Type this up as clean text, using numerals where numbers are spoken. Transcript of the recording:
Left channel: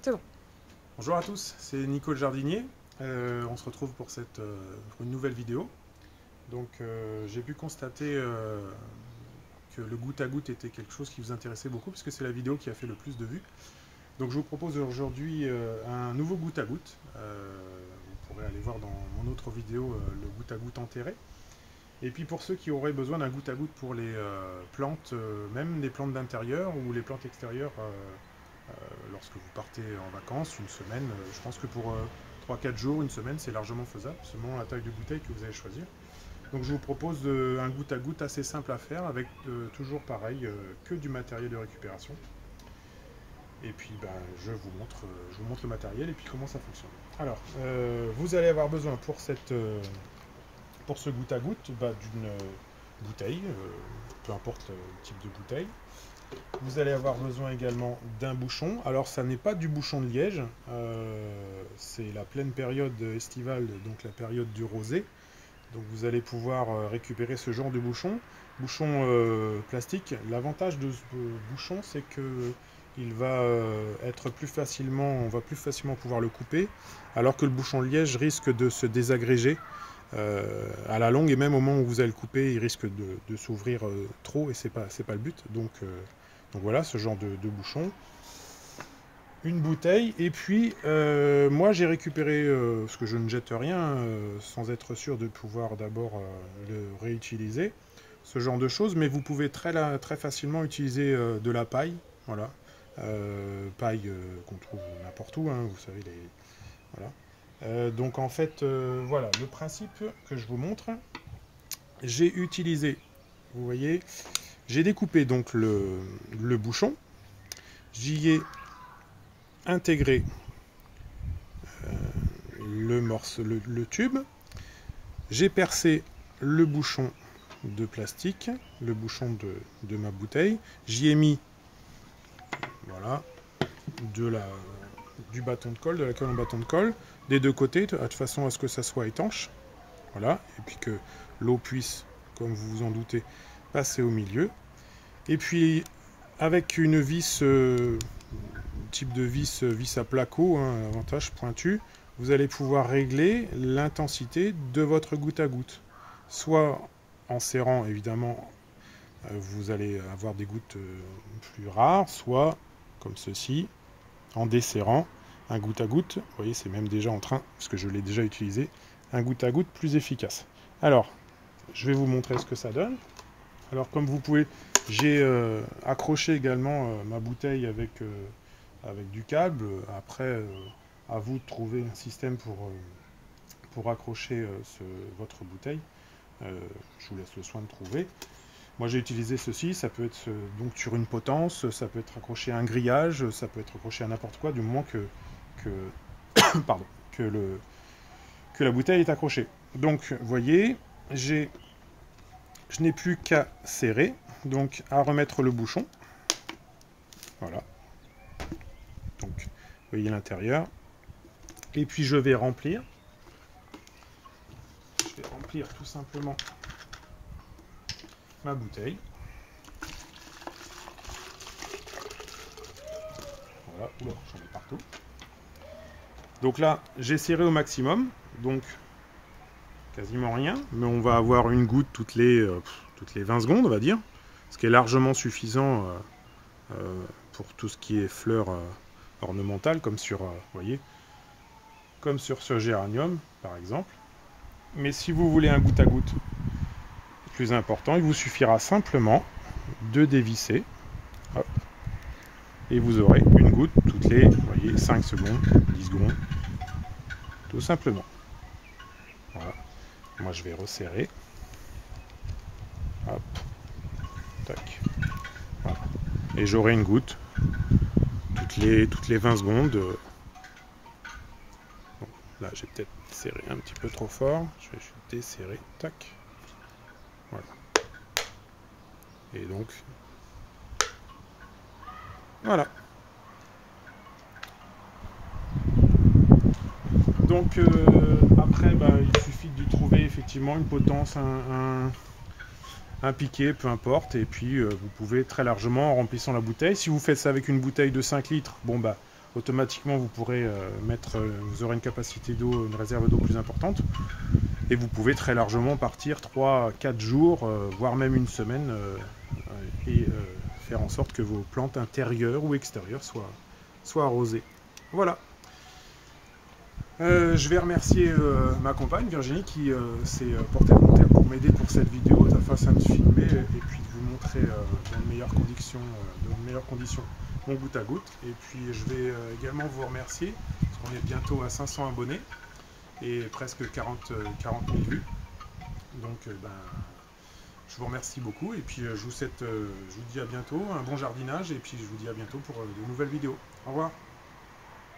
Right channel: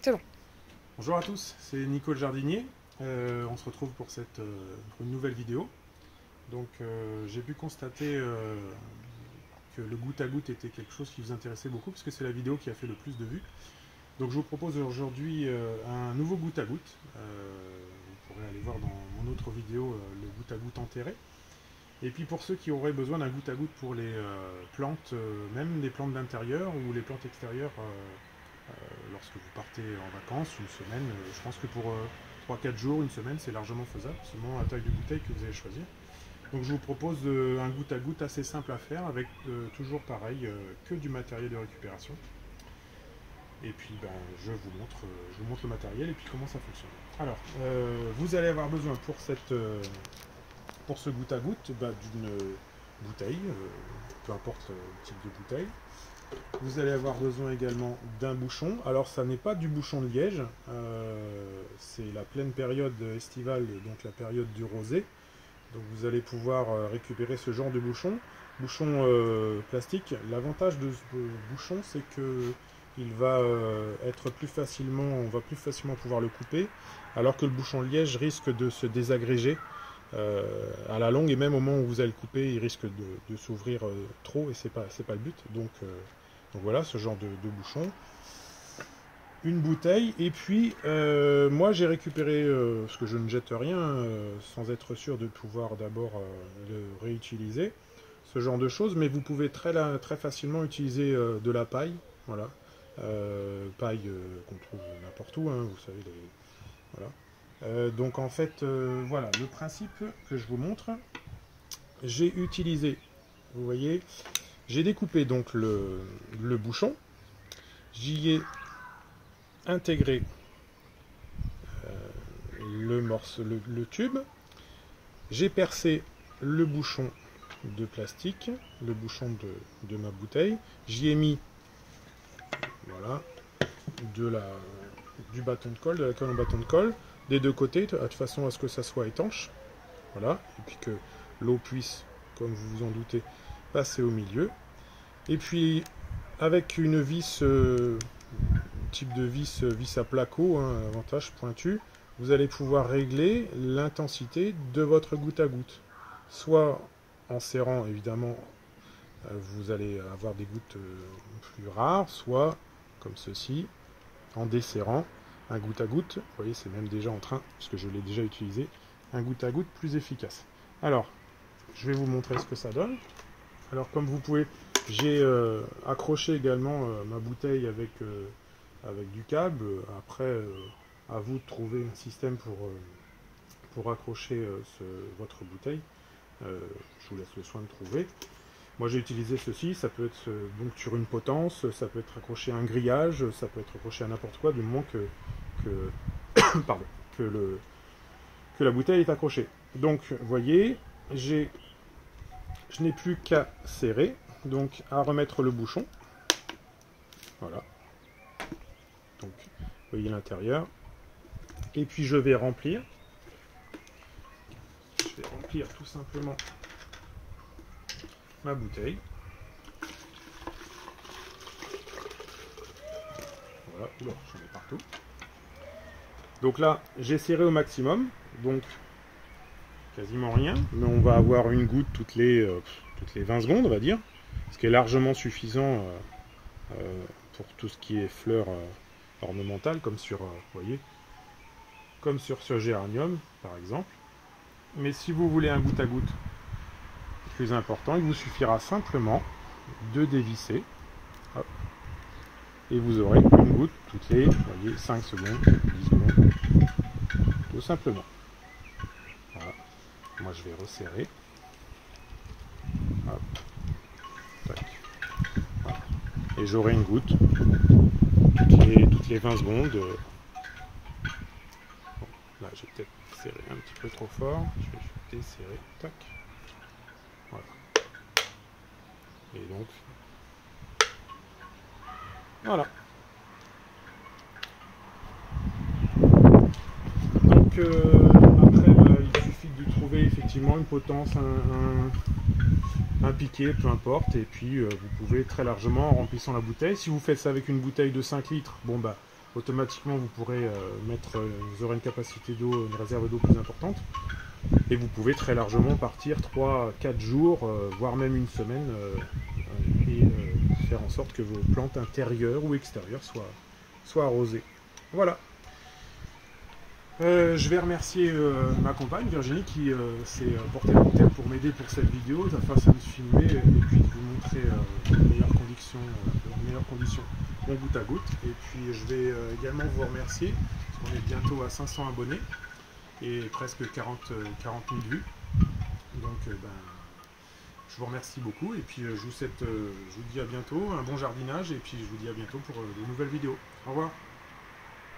C'est bon. Bonjour à tous, c'est Nico le jardinier. On se retrouve pour pour une nouvelle vidéo. Donc j'ai pu constater que le goutte à goutte était quelque chose qui vous intéressait beaucoup puisque c'est la vidéo qui a fait le plus de vues. Donc je vous propose aujourd'hui un nouveau goutte à goutte. Vous pourrez aller voir dans mon autre vidéo le goutte à goutte enterré. Et puis pour ceux qui auraient besoin d'un goutte à goutte pour les plantes, même les plantes d'intérieur ou les plantes extérieures, lorsque vous partez en vacances, une semaine, je pense que pour 3-4 jours, une semaine, c'est largement faisable, selon la taille de bouteille que vous allez choisir. Donc je vous propose un goutte à goutte assez simple à faire, avec toujours pareil, que du matériel de récupération. Et puis ben, je vous montre le matériel et puis comment ça fonctionne. Alors, vous allez avoir besoin pour ce goutte à goutte d'une bouteille, peu importe le type de bouteille. Vous allez avoir besoin également d'un bouchon. Alors ça n'est pas du bouchon de liège, c'est la pleine période estivale, donc la période du rosé. Donc vous allez pouvoir récupérer ce genre de bouchon. Bouchon plastique, l'avantage de ce bouchon c'est que il va être plus facilement, on va plus facilement pouvoir le couper, alors que le bouchon de liège risque de se désagréger à la longue, et même au moment où vous allez le couper, il risque de s'ouvrir trop, et c'est pas le but. Donc voilà, ce genre de bouchon. Une bouteille, et puis moi j'ai récupéré, parce que je ne jette rien sans être sûr de pouvoir d'abord le réutiliser, ce genre de choses, mais vous pouvez très facilement utiliser de la paille, voilà, paille qu'on trouve n'importe où, hein, vous savez, voilà. Donc en fait, voilà, le principe que je vous montre, j'ai utilisé, vous voyez, j'ai découpé donc le bouchon, j'y ai intégré le tube, j'ai percé le bouchon de plastique, le bouchon de ma bouteille, j'y ai mis voilà, du bâton de colle, de la colle en bâton de colle, des deux côtés, de façon à ce que ça soit étanche, voilà, et puis que l'eau puisse, comme vous vous en doutez, passer au milieu. Et puis avec une vis, type de vis à placo, hein, avantage pointu, vous allez pouvoir régler l'intensité de votre goutte à goutte. Soit en serrant, évidemment, vous allez avoir des gouttes plus rares, soit comme ceci, en desserrant, un goutte à goutte, vous voyez c'est même déjà en train, parce que je l'ai déjà utilisé, un goutte à goutte plus efficace. Alors, je vais vous montrer ce que ça donne. Alors comme vous pouvez, j'ai accroché également ma bouteille avec du câble. Après, à vous de trouver un système pour accrocher votre bouteille. Je vous laisse le soin de trouver. Moi j'ai utilisé ceci, ça peut être donc sur une potence, ça peut être accroché à un grillage, ça peut être accroché à n'importe quoi, du moment pardon, que la bouteille est accrochée. Donc vous voyez, je n'ai plus qu'à serrer, donc à remettre le bouchon. Voilà. Donc vous voyez l'intérieur. Et puis je vais remplir. Je vais remplir tout simplement ma bouteille. Voilà, oula, j'en ai partout. Donc là, j'ai serré au maximum, donc quasiment rien, mais on va avoir une goutte toutes les 20 secondes, on va dire, ce qui est largement suffisant pour tout ce qui est fleurs ornementales, comme sur, vous voyez, comme sur ce géranium, par exemple. Mais si vous voulez un goutte à goutte plus important, il vous suffira simplement de dévisser, hop, et vous aurez une goutte toutes les, vous voyez, 5 secondes, 10 secondes, tout simplement. Voilà. Moi je vais resserrer. Hop. Tac. Voilà. Et j'aurai une goutte toutes les 20 secondes. Bon, là j'ai peut-être serré un petit peu trop fort. Je vais desserrer. Tac. Voilà. Et donc voilà. Donc après il suffit de trouver effectivement une potence, un piquet, peu importe, et puis vous pouvez très largement, en remplissant la bouteille, si vous faites ça avec une bouteille de 5 litres, bon bah automatiquement vous pourrez vous aurez une capacité d'eau, une réserve d'eau plus importante. Et vous pouvez très largement partir 3-4 jours, voire même une semaine, et faire en sorte que vos plantes intérieures ou extérieures soient arrosées. Voilà. Je vais remercier ma compagne Virginie qui s'est portée volontaire pour m'aider pour cette vidéo, afin de filmer et puis de vous montrer dans de meilleures conditions mon goutte à goutte. Et puis je vais également vous remercier parce qu'on est bientôt à 500 abonnés et presque 40 000 vues. Donc je vous remercie beaucoup et puis je vous dis à bientôt, un bon jardinage et puis je vous dis à bientôt pour de nouvelles vidéos. Au revoir.